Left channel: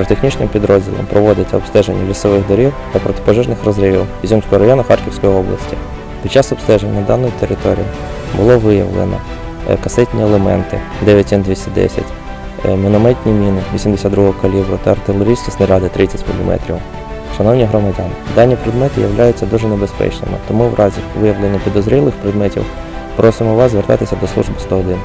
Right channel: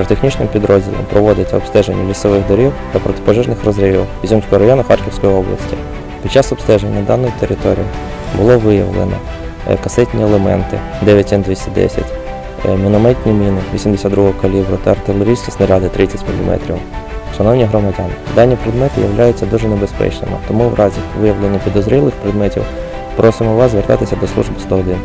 Протехнічним підрозділом проводиться обстеження лісових доріг та протипожежних розривів Ізюмського району Харківської області. Під час обстеження даної території було виявлено е, касетні елементи 9Н210, е, мінометні міни 82-го калібру та артилерійські снаряди 30 мм. Шановні громадяни, дані предмети являються дуже небезпечними, тому в разі виявлення підозрілих предметів просимо вас звертатися до служби 101.